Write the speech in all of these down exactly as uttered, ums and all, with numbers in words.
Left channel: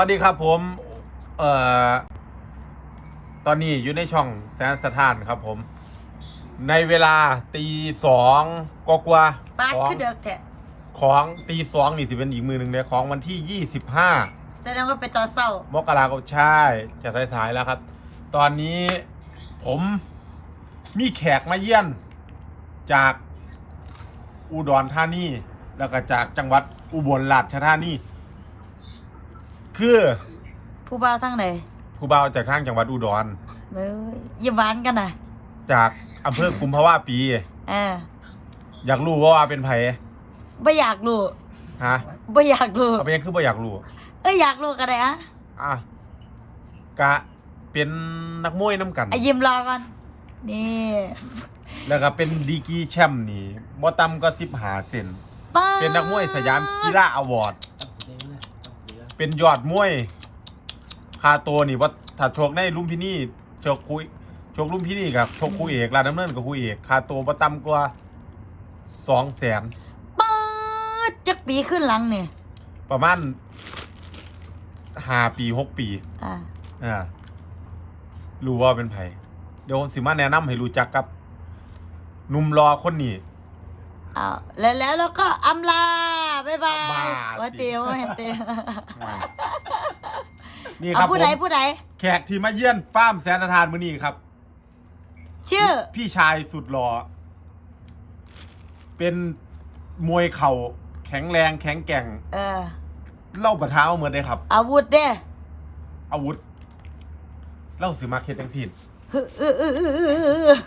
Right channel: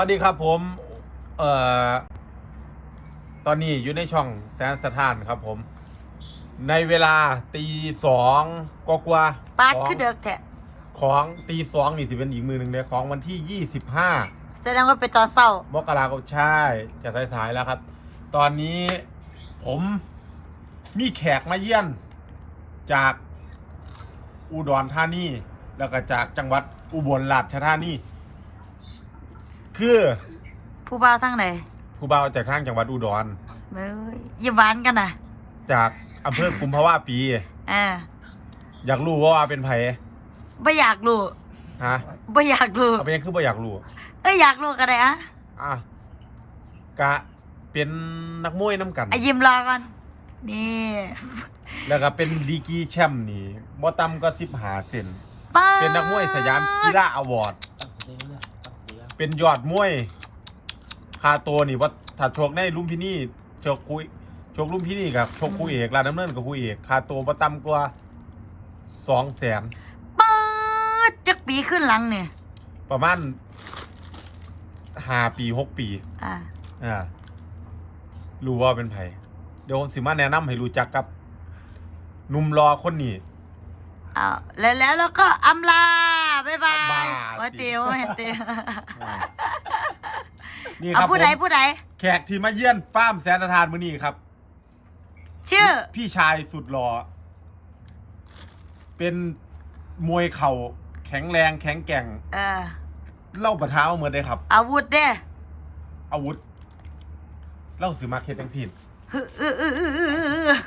สวัสดีครับผมเอ่อตอนนี้อยู่ในช่องแสนสถานครับผมในเวลาตีสองกว่าๆปาดของคือเด็กแท้ของตีสองนี่สิเป็นอีกมือหนึ่งเลยของวันที่ยี่สิบห้าแสดงว่าเป็นตอนเศร้ามกราคมใช่จะสายๆแล้วครับ ตอนนี้ผมมีแขกมาเยี่ยนจากอุดรธานีแล้วก็จากจังหวัดอุบลราชธานีคือผู้บ่าวทั้งไหนผู้บ่าวจากทางจังหวัดอุดรเบ้ยอย่าหวานกันนะจากอำเภอกุมภาวะปีอ่าอยากรู้ว่าว่าเป็นไผไม่อยากรู้ฮะไม่อยากรู้เอาไปยังคือบ่อยากรู้เอ้ยอยากรู้กันเลยอะอ่ะกะเป็นนักมวยน้ำกันไอ้ยิ้มรอก่อนนี่แล้วก็เป็นดีกรีแชมป์นี่บ่ต่ำก็สิบห้าเซนป้าเป็นนักมวยสยามกีฬาอวอร์ดเป็นยอดมวยคาตัวนี่ว่าถ้าชกในลุมพินีชกคุยชกลุมพินีกับชกคู่เอกลาดดำเนินกับคู่เอกคาตัวบ่ต่ำกว่าสองแสนป้าดจักปีขึ้นหลังเนี่ยประมาณห้าปีหกปีอ่าอ่ารู้ว่าเป็นไผเดี๋ยวผมสิมาแนะนำให้รู้จักกับหนุ่มรอคนนี้อ้าวแล้วแล้วแล้วก็อำลาบ๊ายบายบ้าว่าเตียวว่าเตียวอ่านี่คเอารับผผู้มใดผู้ใดแขกที่มาเยี่ยนฟาร์มแสนทานมื้อนี้ครับชื่อพี่ชายสุดหล่อเป็นมวยเข่าแข็งแรงแข็งแกร่งเออเล่าปะท้าเหมือนได้ครับอาวุธเด้อาวุธเล่าสิมาเฮ็ดจังซี่ฮึอืออืออืออืออือ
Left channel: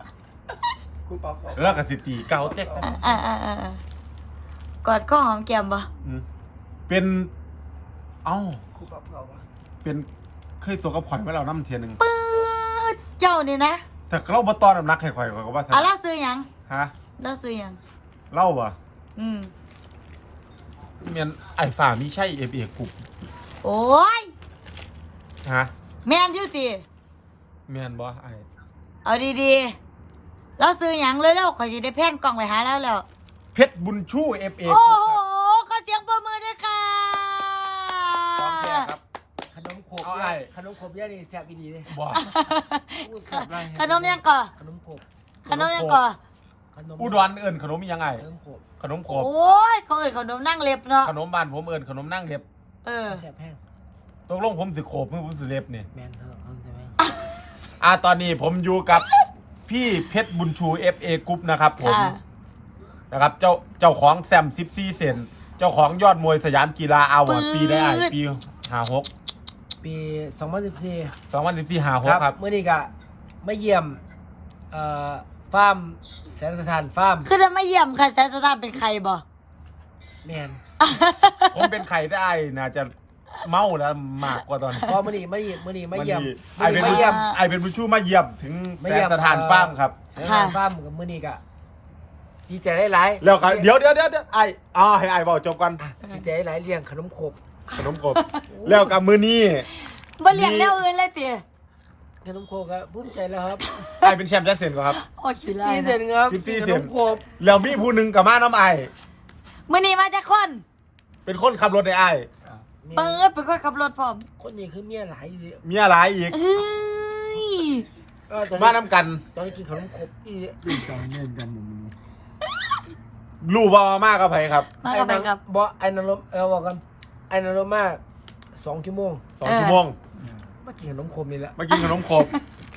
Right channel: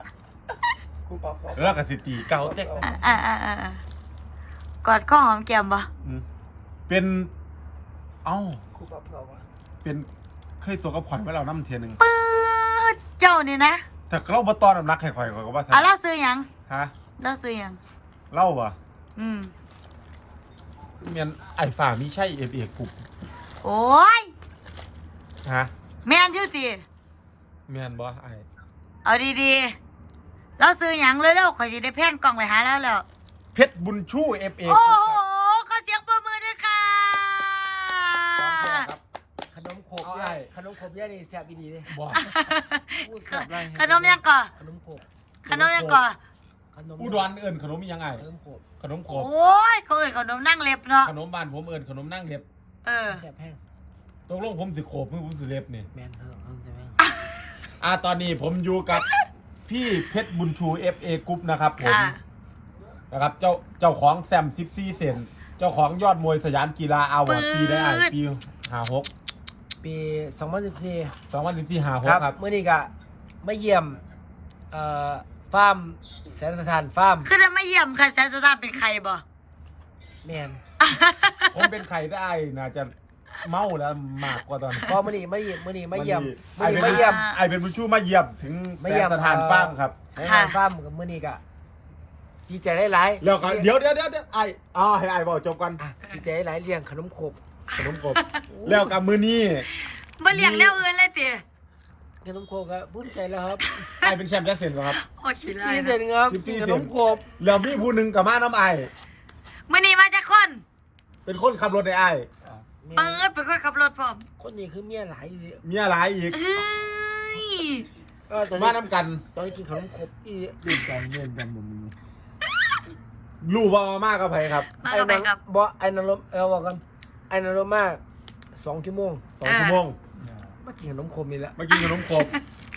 แล้วก็สิตีเกาเต็กอ่าอ่าอ่าอ่ากอดข้อหอมแก้มบ่อืมเป็นเอ้าเป็นเคยสวกับข่อยไว้แล้วน้ำเทียหนึงปื๊ดเจ้านี่นะแต่เราบ่ตอนน้ำหนักให้ข่อยข่อยก็ว่าซะเอาเล่าซื้อหยังฮะเล่าซื้อหยังเล่าบ่อืมเมียนไอ้ฝ่ามีใช่เอฟเอกรุ๊ปโอ้ยฮะแม่นอยู่ติเมียนบ่ไอ้เอาดีๆเล่าซื้อหยังเร็วๆข่อยสิได้แพนกล่องไปหาแล้วแล้วเพชรบุญชูเอฟเอโอ้กรุ๊ปโหครับขอเสียงปรบมือด้วยค่ะพร้อมแท้ครับขนมขบเอาไอ้ย่าขนมขบย่านี่แซ่บอีดีเลยบ่พูดแซ่บไรขนมยังก่อขนมขบขนมยังก่อขนมอุดรเอิ้นขนมอีหยังไงขนมขบขนมโคโอ้บยเขาเอ่ยขนมนั่งเล็บเนาะขนมบ้านผมเอิ้นขนมนั่งเล็บเออแซ่บแห้งตกลงผมสิโขบมือผมสิเล็บนี่แมนขนมขนมใช่ไหมอ่าตอนนี้ผมอยู่กับพี่เพชรบุญชู เอฟ เอ กรุ๊ปนะครับผมค่ะนะครับเจ้าเจ้าของแซมสิบสี่เซนเจ้าของยอดมวยสยามกีฬาอาวอร์ดปีได้ไอปีห้าหกปีสองพันสิบสี่สองพันสิบสี่ห้าหคกรับครับเมื่อนี้ก็มาเยี่ยมเอ่อฟาร์มแสนสถานฟาร์มคือจะไม่เยี่ยมค่ะแซนสตาร์เป็นใครบ่แมนผมเป็นไข่ได้ไอน่าจะเมาแล้วมากกว่าตอนนี้พอมื่อนี้มาเยี่ยมมื่อนี้มาเยี่ยมไอมื่อเป็นนี้มาเยี่ยมไอเป็นผู้ชูมาเยี่ยมถึงมาแสเยี่ยนมสถานฟาร์มครับแสนสถานฟาร์มกับมื่อนี้ก็ดีใจหลายๆแล้วก็เดี๋ยวเดี๋ยวเดี๋ยวไออ๋อให้ไอบอกจบกันอ่ะดีใจหลายๆเลี้ยงขนมขบขนมกบแล้วกับมือนี้บ่เลี้ยงแนวอื่นเลยติขนมขบก็ภูมิใจแล้วครับไอเป็นแชมป์แจ็คเซนครับโอ้ชิลาสี่ยเซนครับสิบสี่ขเซนนมขบแล้วมีผู้หนึ่งกับมาน้ำไอมื้อนี้มาจากคนเป็นคนขับรถในไอเปิดเป็นคนขับรถพร้อมคนนี้คือเมียหลายอยู่เลยมีอะไรอีกเฮ้ยเออตอนมานี้น้ำกันตอนนี้กินขนมขบอีดีใจเงินดำมึงรู้ว่ามากกับไผครับมากับไปครับบอกไอ้นรกเอาบอกกันไอ้นรกมาสองชั่วโมงสองชั่วโมงมากินขนมขบนี่แหละมากินขนมขบ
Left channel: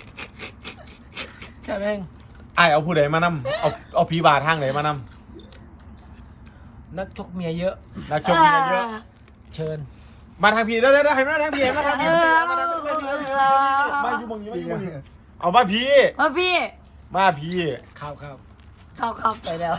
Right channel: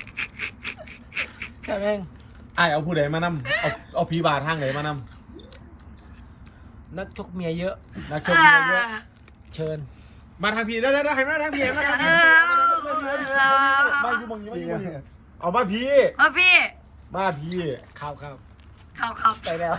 ใช่แม่งไอเอาผู้ใดมานำเอาเอาผีบาทางไหนมานนักชกเมียเยอะำนักชมเยอะเยอะเชิญมาทางผีได้ได้ได้ให้มาทางผีมาทางเอผีอมาอยู่มึงอยู่มึงอยู่มึงเอามาผีมาพี่มาผีข้าวข้าวเขาเขาไปแล้ว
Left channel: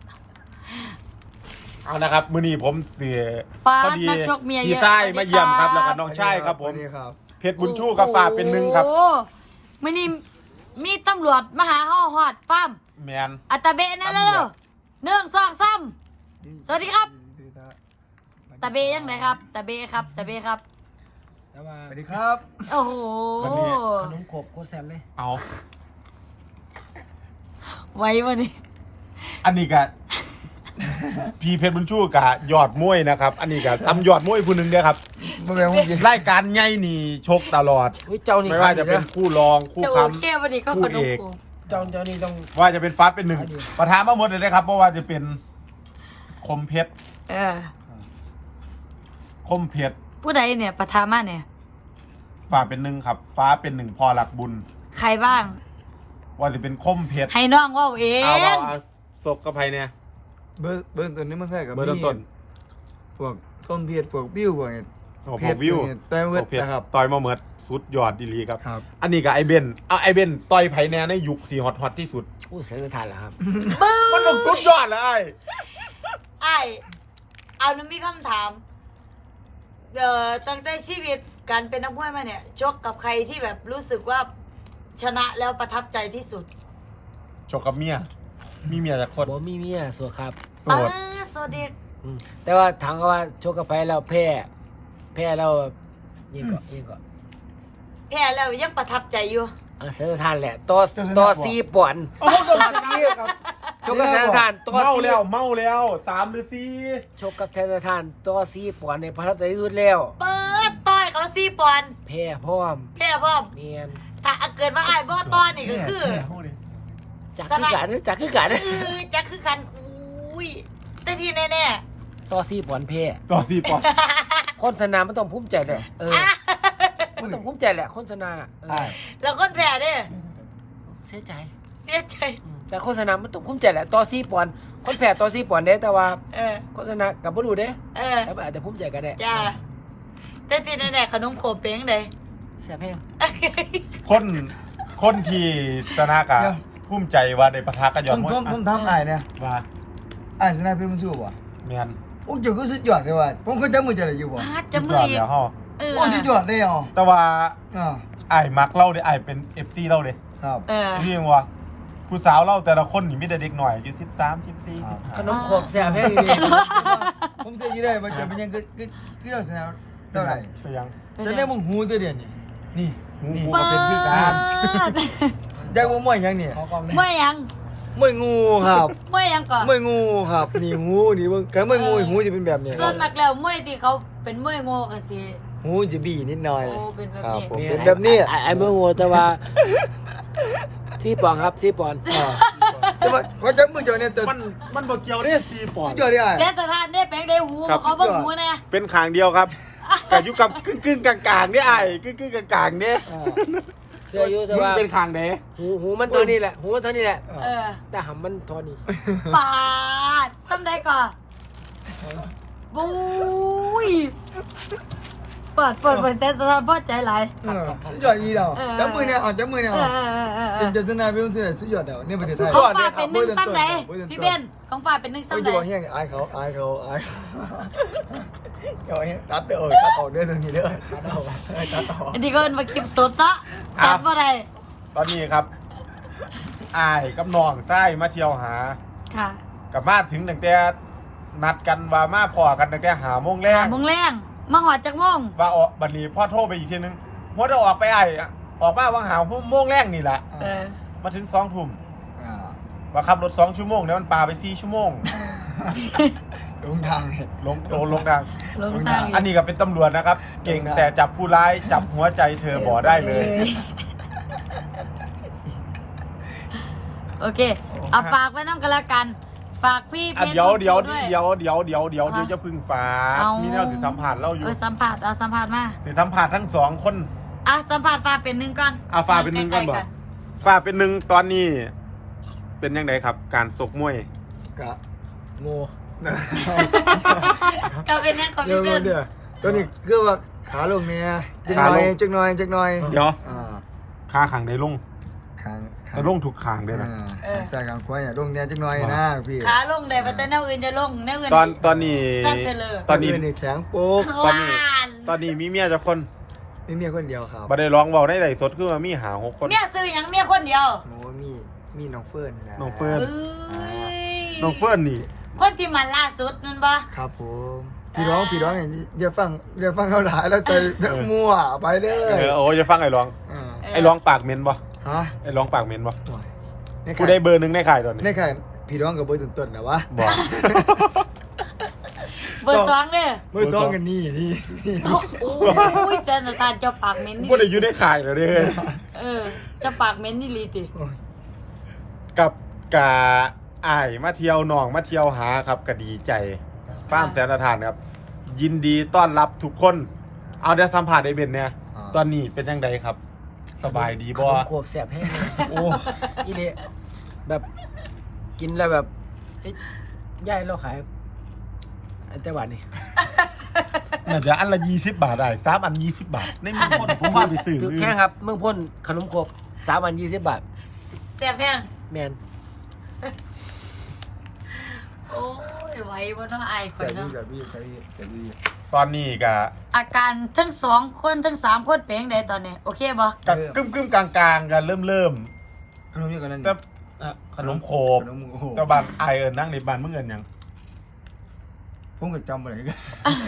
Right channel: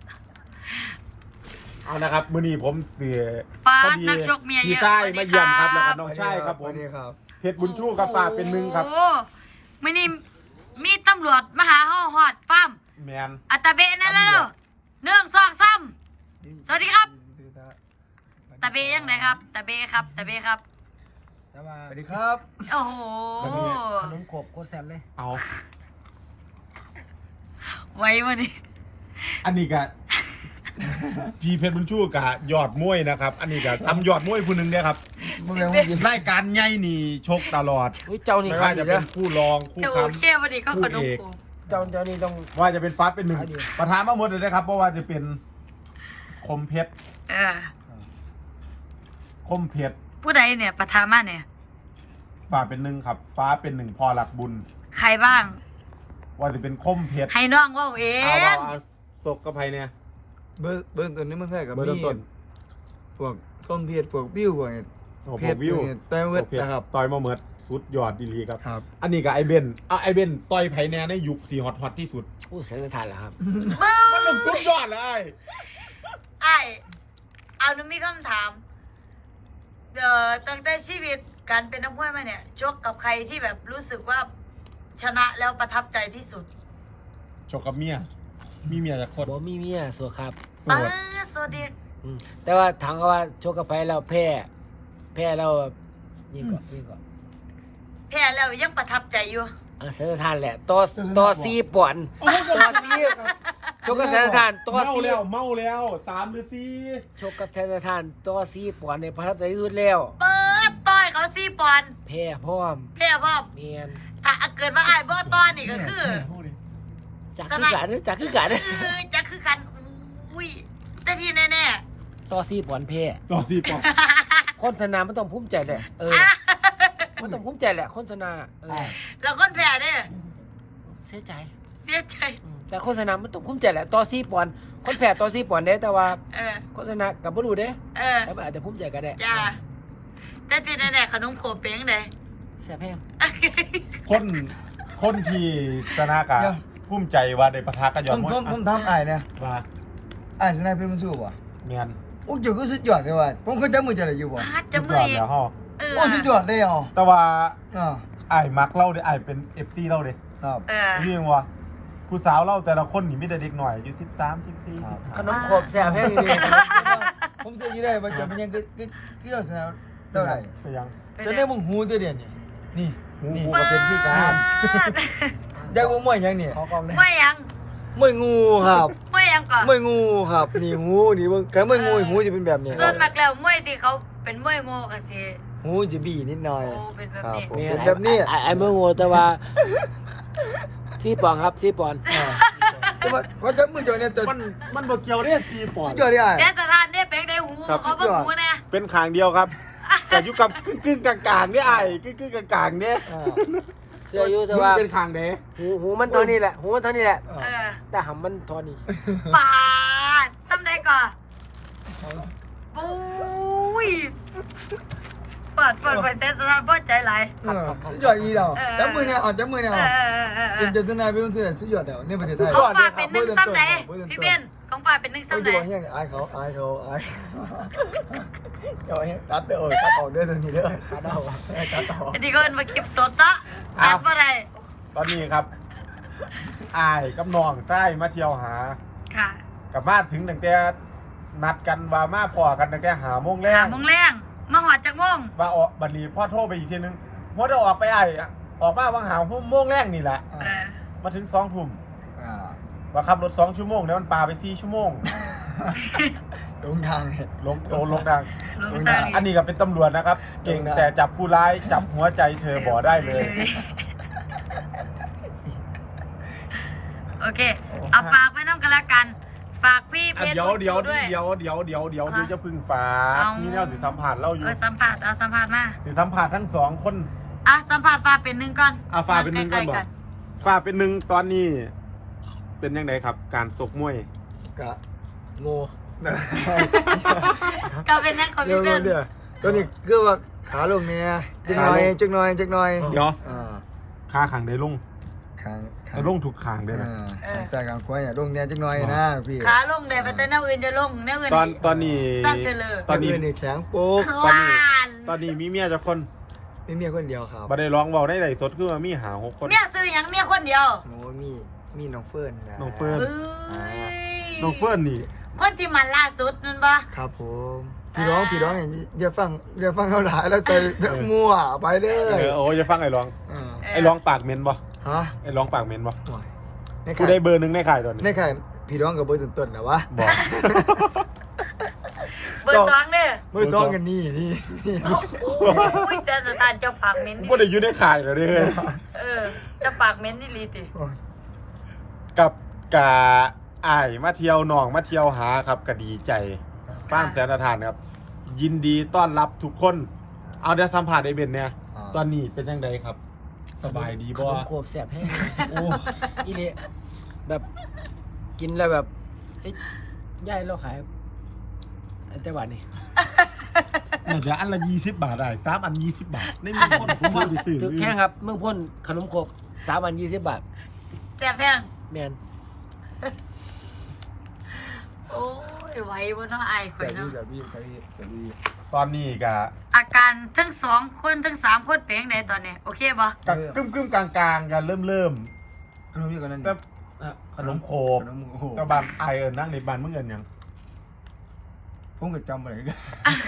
เอานะครับมื้อนี้ผมเสียป้าพอดีนักชกเมียเยพี่อะใต้สวัสดีมาเยี่ยมครับครับแล้วก็น้องชายครับผมสวัสดีครับเพชรบุญชูกับฝากเป็นหนึ่งครับโอ้มื้อนี้มีตำรวจมาหาเฮาฮอดฟาร์มแมนอัตตาเบะนั่นแล้วหนึ่งสองสามสวัสดีครับตาเบะยังไงครับตาเบะครับตาเบะครับแล้วมาสวัสดีครับโอ้โหขนมขบโคตรแซ่บเลยเอาไว้วันนี้อันนี้ก็พี่เพชรบุญชูกับยอดมวยนะครับ อันนี้กับซ้ำยอดมวยผู้หนึ่งเด้อครับบ่แม่นว่ากินรายการใหญ่นี่ชกตลอดอุ้ยเจ้านี่ไม่ขาว่าดจะอีกเป็นะนคู่รองคู่จะค้โอเควันนี้ก็ขนมกูเจ้าเจ้านี่ต้องำว่าจะเป็นฟ้าเป็นหนึ่งขายดีประธานมาหมดเลยนะครับ เพราะว่าจะเป็นคมเพชรเออคมเพชรผู้ใดเนี่ยประธานมาเนี่ยฟ้าเป็นหนึ่งครับ ฟ้าเป็นหนึ่งพอหลักบุญใครบ้างว่าจะเป็นคมเพชรให้น้องเว่าเองเอาเอาเอาศกกับไพเนี่ยเบิ่งเบิ่งตัวนี้มันแท้กับเบอร์ต้นพวกคอมเพชรพวกบิ้วพวกนี้โอ้โหเพชรวิวเนี่ยแต่เวทเพชรนะครับต่อยมาเหมือดสุดยอดดีหลีครับครับอันนี้กับไอเบนเอาไอเบนต่อยไพแนในยุคที่ฮอตฮอตที่สุดอู้เสียงทานเหรอครับมันต้องสุดยอดเลยไอ้เอาหนูมีคำถามเอ่อตั้งแต่ชีวิตการเป็นนักมวยมาเนี่ยชกกับใครที่แบบรู้สึกว่าชนะแล้วประทับใจที่สุดชกกับเมีย มีเมียจากคนบ่มีเมียสวยครับโสอ่าดสวัสดีอืมแต่ว่าถามเขาว่าชกกับไปแล้วแพ้แพ้แล้วแบบยิงก็ยิงก็แพ้แล้วยังประทับใจอยู่อ่ะเสียงทานแหละตัวตัวซีป่วนตัวซีชกกับเสียงทานตัวเมาซีแล้วเมาแล้วสามหรือสี่ชกกับเสียงทานตัวซีป่วนในประทับใจที่สุดแล้วเปิดต้อยเขาซี่ปอนด์แพ้พร้อมแพ้พ่อมเนียนถ้าเกิดว่าไอ้ายบ่ต้อนนี่ก็คือจากคือกันจากคือกันเออจะคือกันอุ้ยแต่ที่แน่ตัวซีป่วนแพ้ต่อสี่ปอนด์คนสนามมันต้องภูมิใจแหละเออมันต้องภูมิใจแหละคนสนามเออๆแล้วคนแพ้เนี่ยเสียใจเสียใจอืมแต่โฆษณามันต้องคุ้มใจแหละต่อซีปอนด์คนแพ้ต่อซีปอนด์เด้แต่ว่าเออโฆษณากับบ่รู้เด้เออแต่มันอาจจะภูมิใจก็ได้จ้าแต่ที่แน่ๆขนมโขบเป้งเลยแซ่บแพงคนคนที่ชนะกะเดี๋ยวภูมิใจว่าได้ประทะกันยผอดมมวยผมผมถามอ้ายเนี่ยว่าอ้ายชนะเพชรบุญชูบ่แมนโอ้เจ้าก็สุดยอดเลยว่ะผมเคยจับมือเจ้าได้อยู่บ่พาดสุจะดมืยอดอแล้วฮะเออโอ้สุดยอดเลยอ่ะแต่ว่าอ่าไอ้ายมักเล่าเด้ไอ้ายเป็นเอฟซีเล่าเด้ครับเออนี่ยังว่าผู้สาวเล่าแต่ละคนนี่มีแต่เด็กหน่อยอายุสิบสามสิบสี่ครับขนมขบแซ่บแพงดีผมเสียอยู่ได้ว่าจะเป็นยังคือคือคือเราชนะเราได้ไปยังจะได้มึงหูตัวเดียวนี่นี่หูนี่หูก็เป็นพี่การอยากว่ามวยยังเนี่ยขอกองเลยไม่ยังมวยงูครับไม่ยังก่อนมวยงูครับนี่หูนี่เบิ่งแค่มวยงูหูจะเป็นแบบนี้คส่วรันบมากแล้วมวยที่เขาเป็นมวยโง่กันสิหูจะบี้นิดหน่อยโอ้เป็นแบบครับนี้ผมเนี่ยเป็นแบบนี้ไอ้ไอ้เมื่อโง่แต่ว่าซีปอนด์ครับซีปอนด์อ่าแต่ว่าเขาจับมือเจ้าเนี่ยจะมันมันบ่เกี่ยวเด้สี่ปอนสุดด์ยอดเลยอ่ะเสียสถานได้แปลงได้หูครับเขาเบิ่งหูเนี่ยเป็นขางเดียวครับแต่อยู่กับกึ่งกึ่งๆกลางๆเนี่ยไอ้กึ่งกึ่งๆกลางๆเนี่ยอ่าเสื้ออยู่แต่มึงว่าเป็นขางเด้หูหูมันเท่านี้แหละหูมันเท่านี้แหละเออแต่หำมันเท่านี้ปาดซ้ำได้ก่อนบุ้ยเปิดเปิดไปเซตสถานพ่อใจไหลายเออสุดยอดอีเดียวจับมือเนี่ยเอาจับมือเนี่ยเอเอาอเออเออเอจอนจนชนะเป็นคนสุดยอดเดียวในประเทศไทยของฝ่าเป็นหนึ่งซ้ำไหนพี่เบนของฝ่าเป็นหนึ่งเขาซ้ำไหจะนบอกแห้งอายเขาอายเขาอายเขาเดี๋ยวแห้งตัดเด้อตัดออกเด้อตรงนี้เด้อตัดออกตัดออกอันนี้ก็เป็นมาคลิปสดเนาะตัดมาได้ตอนนี้ครับไอ้ายกับน้องไส้มาเที่ยวหาค่ะกับมาถึงตั้งแต่นัดกันว่ามาพอกันตั้งแต่หาโมงแรหาง โมงแรงมาหอดจากโมงว่าออกบัดนี้พ่อโทรไปอีกทีนึงว่าจะออกไปไอ้อะออกมาวังหาโมงแรกนี่แหละเออมาถึงสองทุ่มอ่าว่าขับรถสองชั่วโมงแล้วมันปาไปสี่ชั่วโมงลงทางเนี่ยลงโดนลงดังลงทางอันนี้ก็เป็นตำรวจนะครับ เก่งแต่จับผู้ร้ายจับหัวใจเธอบ่ได้เลยโอเคเอาฝากไว้น้ำกันละกัน ฝากพี่เพอ่ะชรเดี๋ยวเดี๋ยวด้วยเดี๋ยวเดี๋ยวเดี๋ยวเดี๋ยวเดี๋ยวจะพึ่งฟ้าเอามีแนวสิสัมผัสเล่าอยู่เออสัมผัสเอาสัมผัสมาสิสัมผัสทั้งสองคนอ่ะสัมผัสฟ้าเป็นหนึ่งก่อนอ่ะฟ้าเป็นหนึ่งก่อนบอกใล้ๆฟ้าเป็นหนึ่งตอนนี้ เป็นยังไงครับ การสกมวยกะโง่ก็เป็นนั่นของเดี๋ยวพี่เป็นเดี๋ยวตัวนี้คือว่าขาลงเนี่ยจักหน่อยจักหน่อยจักหน่อยเดี๋ยวอ่าค่าขังได้ลงขางขาแต่ลงถูกขางด้วยนะอ่าใส่ขางขวาเนี่ยลงเนี่ยจักหน่อยนะพี่ขาลงได้ปัจจัยแนวอื่นจะลงแนวอื่นตอนตอนนี้สั้นเฉลยตอนนี้นี่แข็งโป๊กตอนนี้ควานตอนนี้มีเมียจะคนมีเมียคนเดียวครับบัได้ร้องเบาได้ไหลฟ์สดคือว่ามีหาหกคนเมียซื้อหยังเมียคนเดียวโอ้มีมีน้องเฟิร์นนะน้องเฟิร์นเอ้ยน้องเฟิร์นนี่คนที่มันล่าสุดนั่นปะครับผมพี่น้องพี่น้องอย่างนี้อย่าฟังอย่าฟังเขาหลายแล้วใส่มั่วไปเด้เอออโอ้จะฟังไอ้ร้องอ่าไอ้ร้องปากเหม็นบ่ฮะไอ้ร้องปากเหม็นบ่โอ้ยในกูข่ายได้เบอร์หนึ่งในข่ายตอนนี้ในข่ายเพพี่น้องกับเบอร์ต้นๆนะวะบอกเบอร์สองเนี่ยเบอร์สองกันนี่นี่โอ้ยเจ้าสถานเจ้าปากเหม็นกูนี่บ่ได้อยู่ในข่ายแล้วเด้อเออเจ้าปากเหม็นนี่ลีติกับกาอ้ายมาเที่ยวหนองมาเที่ยวหาครับก็ดีใจฟาร์มแสนสถานครับ ยินดีต้อนรับทุกคน เอาเดี๋ยวสัมภาษณ์ไอ้เบนเนี่ยตอนนี้เป็นยังไงครับ สบายดีขบ่นมโขบแสบแห้งเลยโอ้อีเละแบบกินแล้วแบบเอ้ยย่ายเราขายอันแต่หวานนี่น่าจะอันละยี่สิบบาทได้สามอันยี่สิบบาทในมีคนผมเอาไปซื้อถือแค่ครับเมืองพ่นขนมโขบสามวันยี่สิบบาทแซ่บแพงแมนโอ้ยไหวบ่เนาะไอ้ข่อแต่ยพี่เนาะแต่พี่แต่พี่แต่พี่ตอนนี้ก็อาการทั้งสองคนทั้งสามคนเป็นจังไดตอนนี้โอเคบ่กับกึ้มกึ้มๆกลางๆกันเริ่มเริ่มขนมเยอะกว่านั้นๆก็อ่ะขนมโคบขนมโคบตะบานไอายเอิญนั่งในบ้านเมื่อเงินยังผมก็จำอะไรกัน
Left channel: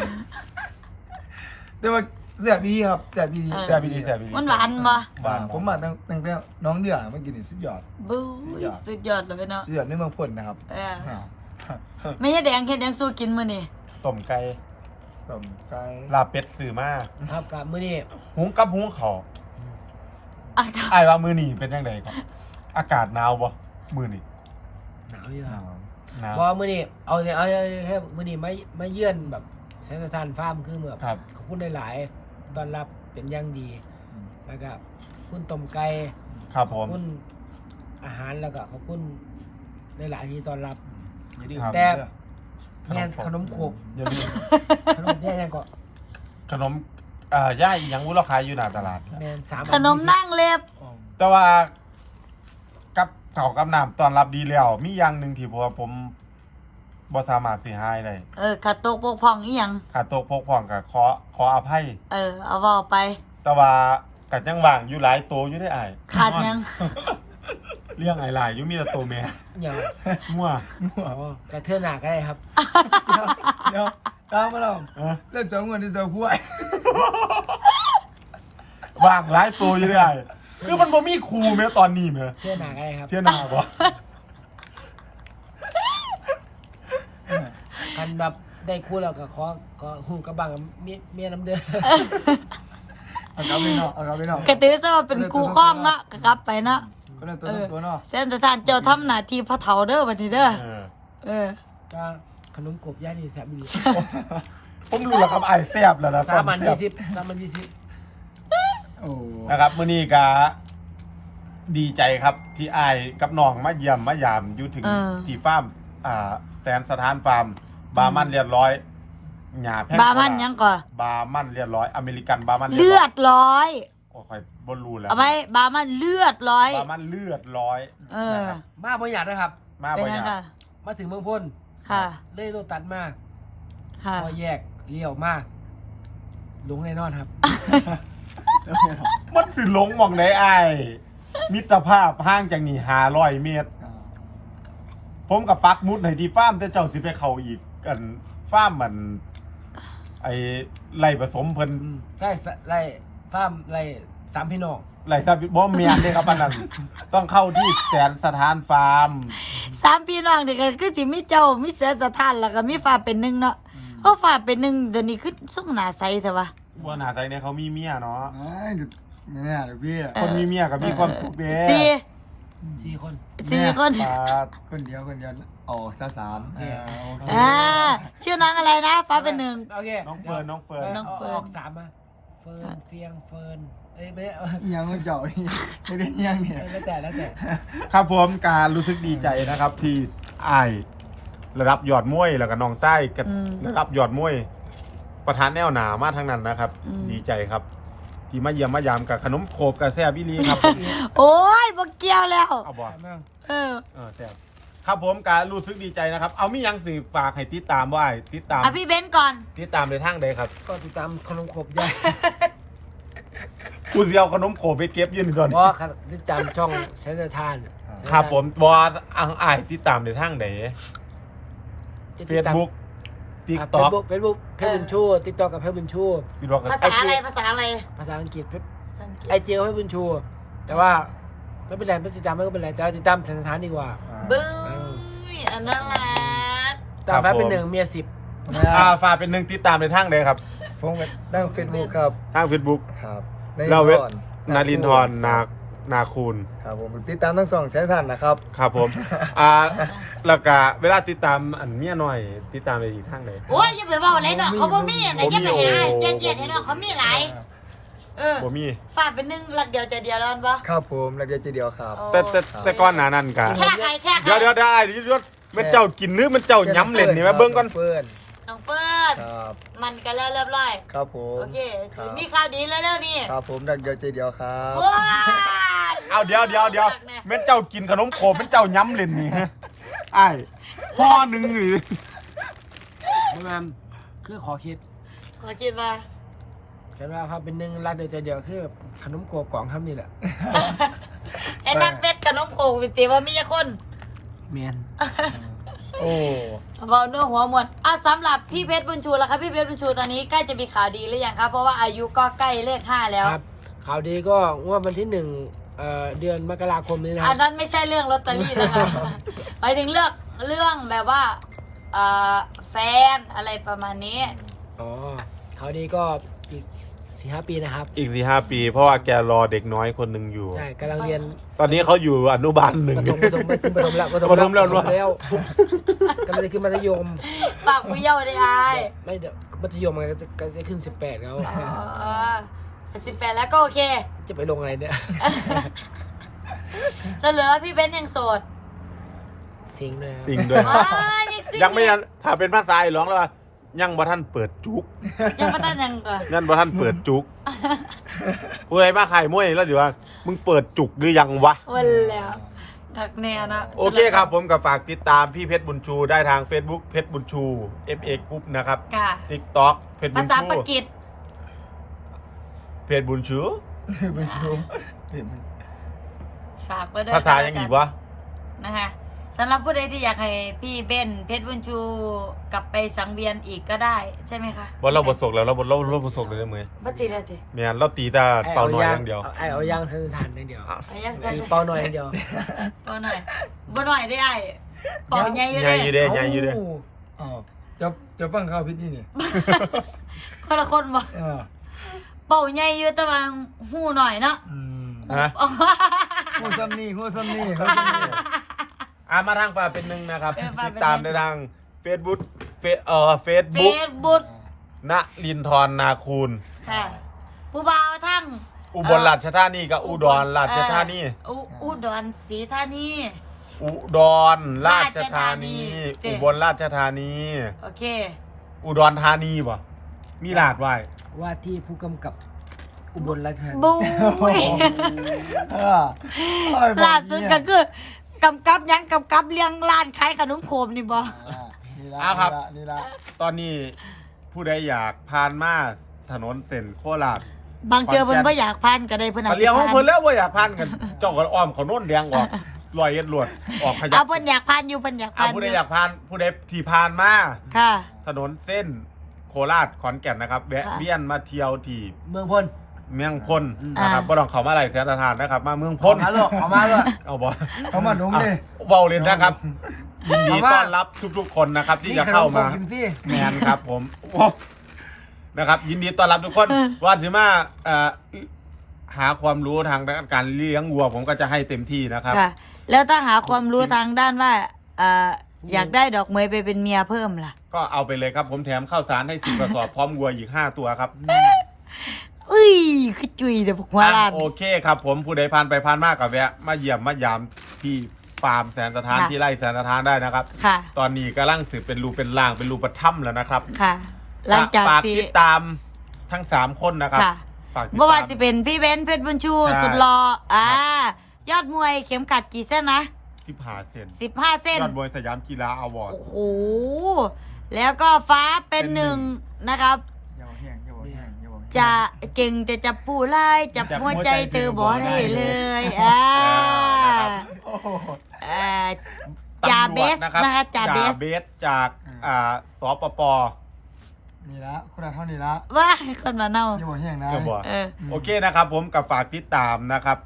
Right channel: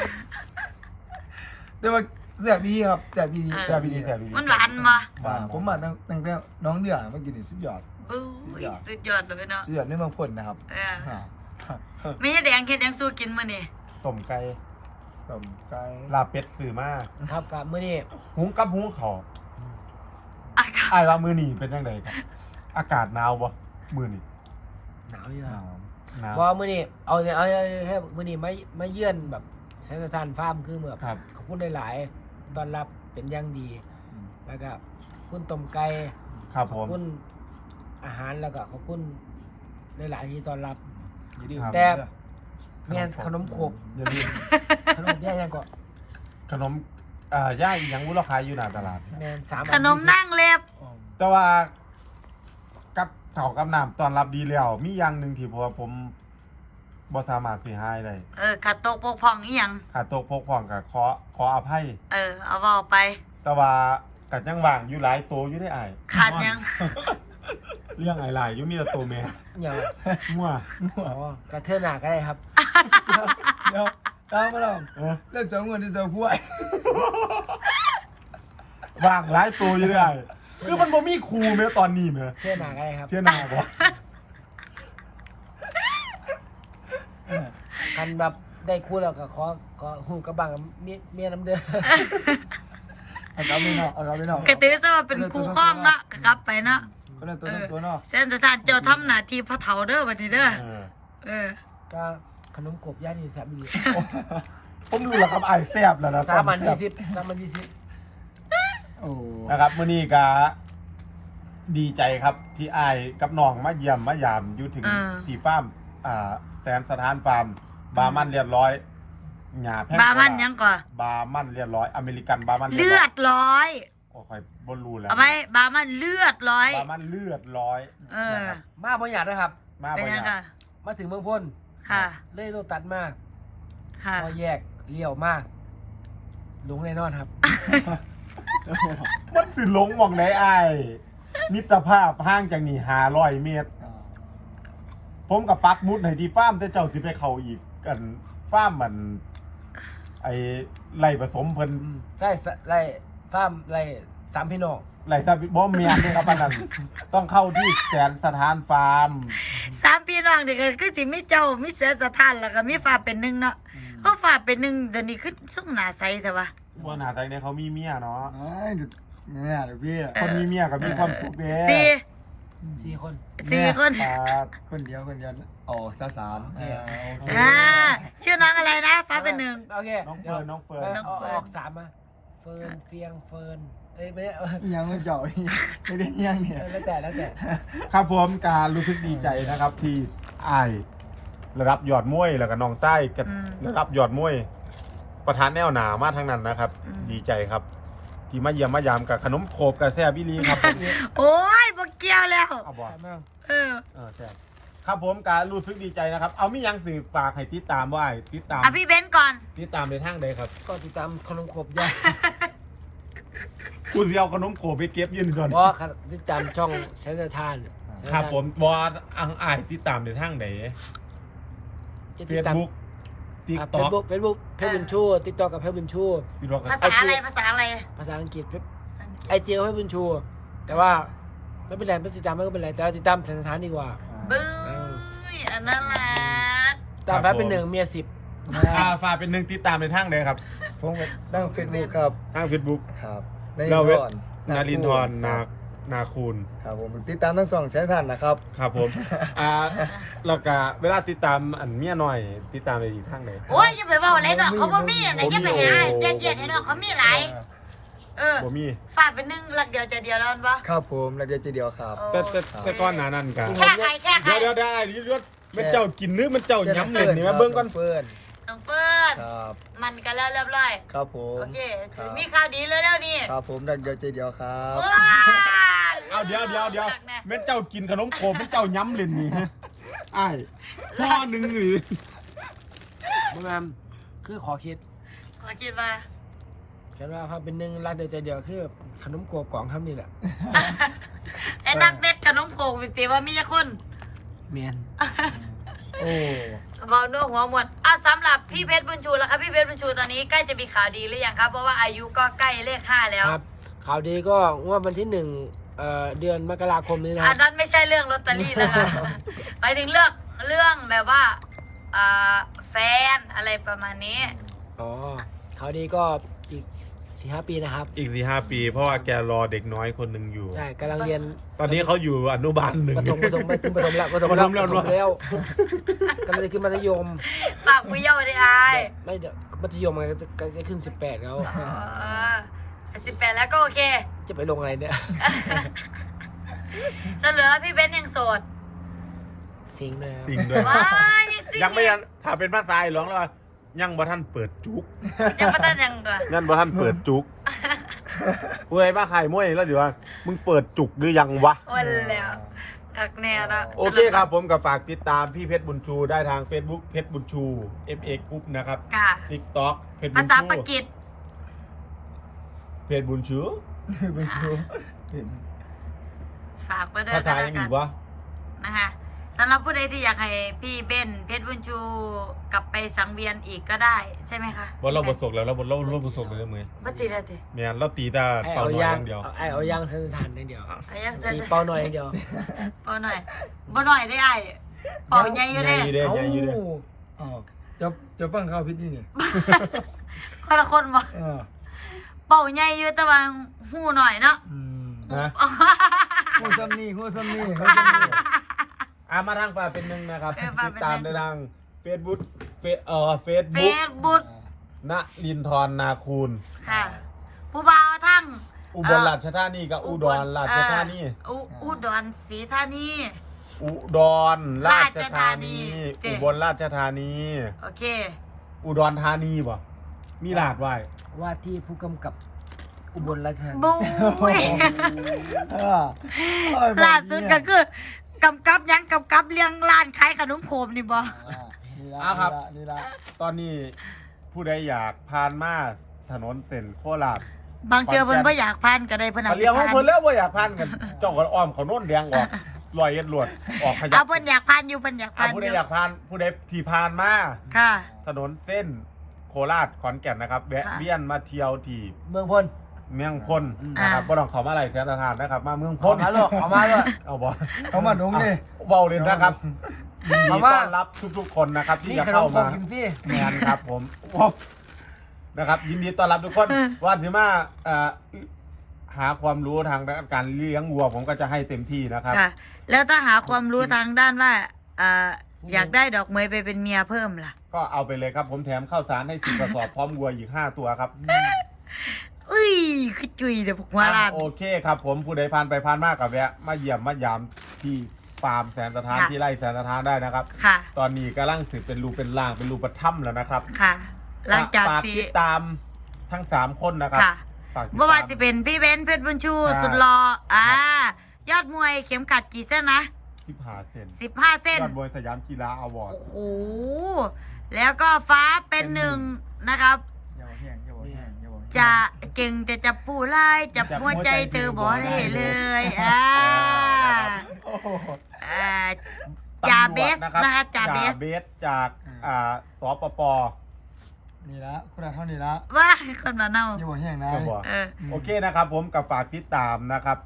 แต่ว่าแซ่บดีครับแซ่บดีแซ่บอีดีแซ่บอีดีมันหวานบ่หวานผมมาตั้งตั้งแต่น้องเดือมากินนี่สุดยอดบู๊ยสุดยอดเลยเนาะสุดยอดในเมืองพ่นนะครับเอออ่าแม่ยายแดงเฮ็ดหยังสู้กินมื้อนี้ต้มไก่ต้มไก่ลาบเป็ดซื้อมาครับกับมื้อนี้หุงกับหุงเขาวอากาศไอ้ายว่ามือนี่เป็นยังไงครับ อากาศหนาวบ่มือนี่หนาวอยู่ครับหนาวเพราะว่ามื้อนี้เอาเนี่ยเอาแค่มื้อนี้ไม่ไม่เยื่อนแบบแสนสถานฟาร์มคือแบบครับขอบคุณหลายๆต้อนรับเป็นอย่างดี แล้วก็ขอบคุณต้มไก่ครับผขอบมคุณอาหารแล้วก็ขอบคุณหลายๆที่ต้อนรับไม่ดื้อครับแต่ แม่นขนมโขบอย่าลืมขนมแย่ยังก็ขนมอ่าย่ายอีหยังวุ้นราคายอยู่หน้าตลาดแม่นสามขนมนั่งเล็บแต่ว่ากับเขาวกับน้ำตอนรับดีแล้ว มีอย่างหนึ่งที่ผมว่าผมบ่สามารถสิหายได้เออขาดตกบกพร่องอีหยังขาดตกพกพ่องกับขอขออภัยเออเอาเว้าไปแต่ว่ากัดยังว่างอยู่หลายตัวอยู่ได้ออ้ายขาดหยังเลี้ยงไอ้หลายอยู่มีแต่ตัวแม่อย่างมั่วอ๋อกระเทือนหนาก็ได้ครับเดี๋ยวตามมาลองเออเรื่องจำเงินที่จะพูดว่างหลายตัวอยู่ได้อคือมันบ่มีครูแม้ตอนนี้แม้เทือนหนาก็ได้ครับเที่ยหนาบ่กันแบบได้คู่แล้วก็ขอขอหูกระบังกับเมียเมียน้ำเดือดเอาเขาไปเนาะเอาเขาไปเนาะกระตือซะว่าเป็นครูข้องเนาะก็กลับไปเนาะก็เรื่องตัวตัวตัวเนาะเส้นสถานเจ้าทำหน้าที่พ่อเฒ่าเด้อบัดนี้เด้อเออเออก็ขนมกบย่างนี่แซ่บดีผมรู้แล้วครับไอ้แซ่บแล้วนะสามพันแซ่ยี่บสิบสามพันยี่สิบโอ้นะครับมื้อนี้ก็ดีใจครับที่อ้ายกับน้องมาเยี่ยมมายามอยู่ถึงเออที่ฟาร์มอ่าแสนสถานฟาร์มบาร์มันเรียบร้อยหญ้าแพงบามันยังก่อนบาร์มันเรียบร้อยอเมริกันบาร์มันรียบเลืร้อดร้อยโอ้ค่อยบ่รู้แล้วเอาไหมบามันเลือดร้อยบาร์มันเลือดร้อยเออนะครับมาบ่อยากนะครับมาเป็นบ่อยังยากค่ะมาถึงเมืองพ้นค่ะเลยโลตัดมากค่ะพอแยกเลี้ยวมากหลงแน่นอนครับมันสิหลงหมองไหนอ้ายมิตรภาพห่างจากนี่ห้าร้อยเมตร ผมกับปักหมุดให้ที่ฟาร์มแต่เจ้าสิไปเข้าอีกกันฟาร์มมัน ไอ้ไล่ผสมเพิ่นอืมใช่สไล่ฟาร์มไล่สามพี่น้องไล่ซาบิบ่แม่นเด้ครับอันนั้น ต้องเข้าที่แสนสถานฟาร์มสามพี่น้องนี่ก็คือสิมีเจ้ามีเสียสถานแล้วก็มีฟ้าเป็นหนึ่งเนาะเพราะฟ้าเป็นหนึ่งเดี๋ยวนี้คือส่งหน้าใสแต่ว่าว่าหน้าใจเนี่ยเขามีเมียเนาะไอ้เนี่ยเดี๋ยวพี่คนมีเมียก็มีความสุขเด้สี่สี่คนสี่คนปาดคนเดียวคนเดียวออกซะสามโอเคโอเคอ่าชื่อน้องอะไรนะ ฟ้าเป็นหนึ่งโอเคน้องเฟิร์นน้องเฟิร์นดี๋ยวน้องเฟิร์นาออกสามมาเฟิร์นเฟียงเฟิร์นเอ้ยไม่ได้อีหยังมันเจ่อไม่ได้เอียงเนี่ยแล้วแต่แล้วแต่ครับผมการรู้สึกดีใจนะครับ ที่อ้ายระดับยอดมวยแล้วก็น้องไส้กับระดับยอดมวย ประธานแนวหนามาทั้งนั้นนะครับ ดีใจครับ ที่มาเยี่ยมมายามกับขนมโขบกับแซ่บอีหลีครับ ผมโอ้ยบ่เกี่ยวแล้วเอาบอกใช่ไหมเออเออแซ่บครับผมการรู้สึกดีใจนะครับ เอามีหยังสื่อฝากให้ติดตามว่าติดตามอ่ะพี่เบนซ์ก่อนติดตามในทางใดครับก็ติดตามขนมขบย่างกูสิเอาขนมโขบไปเก็บอยืนก่อนเพราะติดตามช่องแสนสถานครับผมบอสอังอายติดตามในทางใดจะติเฟดซตามบุ๊กติ๊กเฟต็อซกบุ๊กเฟซบุ๊กเพชรบุญชูติดต่อกับเพชรบุญชูพี่บอกภาษาอะไรภาษาอะไรภาษาอังกฤษเพชรภาษาอังกฤษไอเจียวเพชรบุญชู แต่ว่าไม่เป็นไรไม่ติดตามไม่เป็นไรแต่ว่าติดตามแสนสถานดีกว่าบึ้ยอันนั้นแหละตามแพ้เป็นหนึ่งเมียสิบอ่าฝากเป็นหนึ่งติดตามในทางใดครับผมก็ตั้งเฟซบุ๊กครับทาง Facebook ครับเราเว็บก่อนนารินทร์นานาคูณครับผมติดตามทั้งสองแสนท่านนะครับครับผม อ่าแล้วก็เวลาติดตามอันเมียหน่อย ติดตามในอีกทางใดโอ้ยอย่าไปบอกอะไรหรอกเขาบ่มีอะไรจะไปหาเจ็ดเจ็ดให้หรอกเขามีหลายเออบ่มีฝากเป็นหนึ่งหลักเดียวใจเดียวแล้วปะครับผมแล้วเดียวจีเดียวครับแต่แต่แต่ก้อนหนานั่นกันแค่ใครแค่ใครเดี๋ยวเดี๋ยวได้เดี๋ยวเดี๋ยวมันเจ้ากินเนื้อมันเจ้าย้ำเล่นนี่มาเบิ่งก่อนเฟิร์นน้องเฟิร์นครับมันกันแล้วเรียบร้อยครับผมโอเคครับมีข่าวดีแล้วแล้วนี่ครับผมแล้วเดียวจีเดียวครับว้าเอาเดี๋ยวเดี๋ยวเดี๋ยวแม่นเจ้ากินขนมโคมแม่นเจ้าย้ำเล่นนี่ฮะไอ้ายห่อหนึ่งนี่เมื่อมคือขอคิดขอคิดว่ากันว่าครับเป็นหนึ่งรักเดียวใจเดียวคือขนมโกกล่องคำนี่แหละไอ้นักเป็ดกับน้องโขงเป็นตีว่ามีแต่คนเมียนโอ้บอกด้วยหัวหมดอ่ะสำหรับพี่เพชรบุญชูแล้วครับพี่เพชรบุญชูตอนนี้ใกล้จะมีข่าวดีหรือยังครับเพราะว่าอายุก็ใกล้เลขห้าแล้วครับข่าวดีก็งวดวันที่หนึ่งเอ่อเดือนมกราคมนี้นะคอัรันบนั้นไม่ใช่เรื่องลอตเตอรี่นะคะหมายถึงเรื่องเรื่องแบบว่าเอ่อแฟนอะไรประมาณนี้อ๋อข่าวดีก็อีกสี่ห้าปีนะครับอีกสี่ห้าปี เพราะว่าแกรอเด็กน้อยคนหนึ่งอยู่ใช่กำลังเรียนตอนนี้เขาอยู่อนุบาลหนึ่งประถมประถมไปขึ้นประถมแล้วประถมประถมแล้วประถมแล้วกำลังจะขึ้นมัธยมปากผู้เยาว์ได้อายไม่เดี๋ยวมัธยมมันก็จะก็จะขึ้นสิบแปดแล้วสิบแปดแล้วก็โอเคจะไปลงอะไรเนี่ยสรุปแล้วพี่เบนซ์ยังโสดสิงห์ด้วยครับสิ่งด้วยว้ายยังสิยังไม่ยังถ้าเป็นภาษาไอ้ร้องแล้วว่ายังบ่ท่านเปิดจุกยังไม่ตันยังก่อนนั่นบ่ท่านเปิดจุกผู้ใดมาขายมวยแล้วเดี๋ยวว่ามึงเปิดจุกหรือยังวะวันแล้วทักแน่นะโอเคครับผมกับฝากติดตามพี่เพชรบุญชูได้ทาง Facebook เพชรบุญชู เอฟ เอ Group นะครับค่ะ TikTok เพชรบุภาญษาชูปากีสเพชรบุญชูไม่รู้ฝากไว้ด้วยภาษายังอีกวะนะคะสำหรับผู้ใดที่อยากให้พี่เบนเพชรบุญชูกลับไปสังเวียนอีกก็ได้ใช่ไหมคะบอลเราบทสกแล้วเราบทเราเราบทสกเลยได้ไหมบัติเลยทีเมียนเราตีแต่ไอ้เป่าเอาน้อยยาอง ย่างเดียวไอ้เอายางสันฐานอย่างเดียวอายังเซ็นตีเป้าหน่อยอย่างเดียวเปาหน่อยบ่หน่อยได้ไอ้เป่าใหญ่อยู่ใหญ่อยู่เด้เด้ใหญ่อยู่เด้อ้าวจะจะฟังข่าวพิษนี่นี่คนละคนบ่เออเป่าใหญ่อยู่แต่ว่าหูหน่อยเนาะอืมฮะหัวซ้ำนี่หัวซ้ำนี่หัวซ้ำนี่อ่ามาทางฝากเป็นหนึ่งนะครับเออฝากติดเป็นหนึ่งตามในทาง Facebook เฟซเอ่อเฟซเฟบุ๊กซบุ๊กณลินทรนาคูณค่ะ ผู้บ่าวทั้งอุบลราชธานีกับอุดรราชธานีเอ่ออุอุดรศรีธานีอุดรราชธานีราชธานีอุบลราชธานีโอเคอุดรธานีป่ะมีลาดไว้ว่าที่ผู้กำกับอุบลราชธานีบูยเออโอ้ยบอกล่าสุดเนี่ยก็คือกำกับยังกำกับเลี้ยงร้านขายขนมโคมนี่บ่อ่านี่ละอ่ะครับนี่ละตอนนี้ผู้ใดอยากผ่านมาถนนเส้นโคราชบางเจอเพิ่นบ่อยากพันก็ได้เพิ่นเขาเลี้ยงของเพิ่นแล้วว่าอยากผ่านกัน เจ้าก็อ้อมเขาโน่นแดงออกลอยเอ็ดลวดออกขยัเอาบเพิ่นอยากพันอยู่เพิ่นอยากอ่ะพันผู้ใดอยากผ่านผู้ใดที่ผ่านมาค่ะถนนเส้นโคราชขอนแก่นนะครับแวะค่ะเวียนมาเที่ยวที่เมืองพลเมืองพลนะครับอ่าบ่ต้องเขามาไหลแสนทานนะครับ มาเมืองพขอลมาลูกขอมาลูกเอาบ่เขามาดุงดิเบาเลยนะครับ ยินดีเอามาต้อนรับทุกๆคนนะครับ ที่นี่จะขนเข้ามโกมากินฟรีแมนครับผมโอ้นะครับ ยินดีต้อนรับทุกคนว่าถึงมาเอ่อหาความรู้ทางด้านการเลี้ยงวัว ผมก็จะให้เต็มที่นะครับค่ะ แล้วถ้าหาความรู้ทางด้านว่าเอ่ออยากได้ดอกเมยไปเป็นเมียเพิ่มล่ะก็เอาไปเลยครับ ผมแถมข้าวสารให้สิบกระสอบพร้อมวัวอีกห้าตัวครับอุ้ยคือจุยเดี๋ยวพวกหัวอ่ะล้านโอเคครับ ผมผู้ใดผ่านไปผ่านมากกับแวะ มาเยี่ยมมายามที่ฟาร์มแสนสถานค่ะที่ไร่แสนสถานได้นะครับค่ะตอนนี้กำลังสืบเป็นรูเป็นร่างเป็นรูปถ้ำแล้วนะครับค่ะ หลังจากฝากที่ติดตามทั้งสามคนนะครับค่ะฝากติดเมื่อวาตาน มจะเป็นพี่เบนซ์เพชรบุญชูใช่สุดหล่ออ่าครับยอดมวยเข็มขัดกี่เส้นนะสิบห้าเซนสิบห้าเส้นยอดมวยสยามกีฬาอวอร์ดโอ้โห แล้วก็ฟ้าเป็นหนึ่งนะครับอย่าบอกแห้งอย่าบอกแห้งอย่าบอกแห้งจะเก่งแต่จะปูไล่จับหัวใจเธอบอกได้เลยอ่าโอ้โหอ่าจ่าตำรเบวจสนะครับนะคะจ่าเบสเบสจากอ่าสปปนี่ละคุณอาเท่านี้ละว่าคนมาเน่าอย่าบอกแห้งนะก็บอกเออโอเคนะครับ ผมกับฝากติดตามนะครับ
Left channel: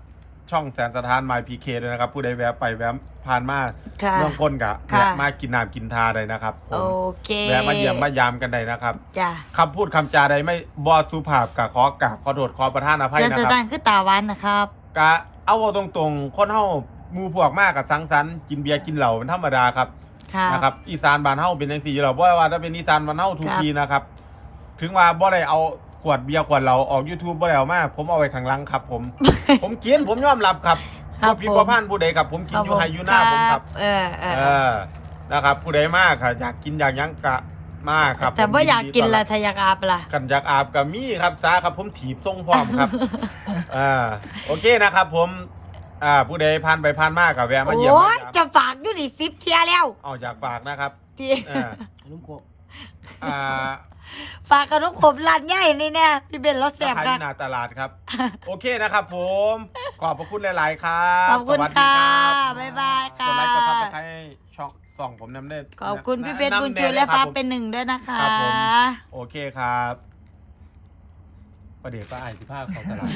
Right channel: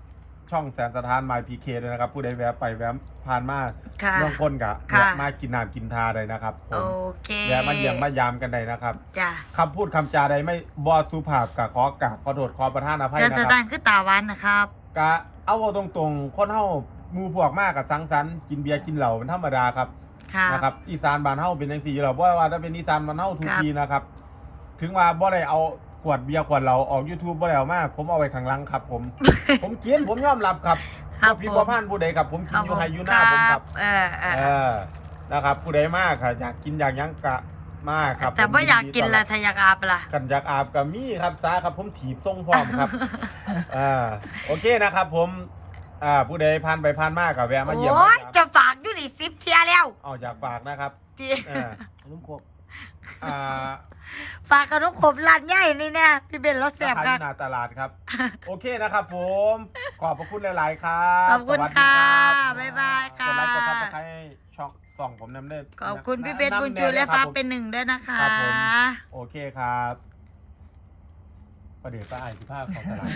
ช่องแสนสถาน My พี เค ด้วยนะครับ ผู้ใดแวะไปแวะผ่านมาค่ะเมืองก้นกะค่ะแวะมากินน้ำกินทาได้นะครับผโอมเคแวะมาเยี่ยมมายามกันได้นะครับจ้ะคำพูดคำจาใดไม่บอสุภาพกะขอกราบขอโทษขอประทานอภัยเส้นนะสครับแตนคือตาหวานนะครับกะเอาเอาตรงๆ คนเฮาหมู่พวกมากกับสังสรรค์กินเบียร์กินเหล้าเป็นธรรมดาครับค่ะนะครับอีสานบ้านเฮาเป็นจังซี่อยู่แล้วบ่ว่าถ้าเป็นอีสานบ้านเฮาทุกครับทีนะครับ ถึงว่าบ่ได้เอาขวดเบียร์ขวดเหล้าออก YouTube บ่ได้เอามาผมเอาไว้ข้างหลังครับ ผม ผมกินผมยอมรับครับครับบ่ผิดผมบ่พลาดผู้ใดครับ ผมกินอยู่ไฮอยู่หน้าผมครับเออเออเออนะครับ ผู้ใดมากค่ะอยากกินอยากหยังกะมาครับแต่ผมว่าอยากกินดีต้ละรับทายากอาบล่ะกันอยากอาบกับมีครับสาครับผมถีบทรงพร้อมครับ อ่าโอเคนะครับ ผมอ่าผู้ใดผ่านไปผ่านมากกับแวะมาเยี่ยมโอ้มาย ยามจะฝากอยู่นี่ซิปเทียแล้วเอาอยากฝากนะครับที่อ่าขนมครกอ่าฝากขนมขบร้านใหญ่นี่เนี่ยพี่เบนรถแสราบคาค่ะที่หนาตลาดครับ โอเคนะครับ ผม ขอบพระคุณหลาย ๆ ครับขอบคุณสวัสดีรัค่ะบ๊ายบายค่ะกดไลค์กดซับสไครต์ให้ช่องส่องผมนำเด้ขอบคุณพี่เบนำบุญแชูและด้วยคฟ้ารับผมเป็นหนึ่งด้วยนะคะครับผม โอเคครับประเดี๋ยวป้าไอ้ที่ภาพของตลาด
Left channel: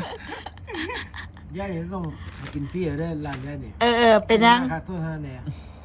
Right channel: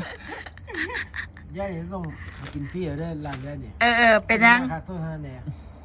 ย่ายนี่ต้องกินฟรีได้ร้านย่ายนี่เออเออเป็นยังค่าตัวเท่านั้นแหละ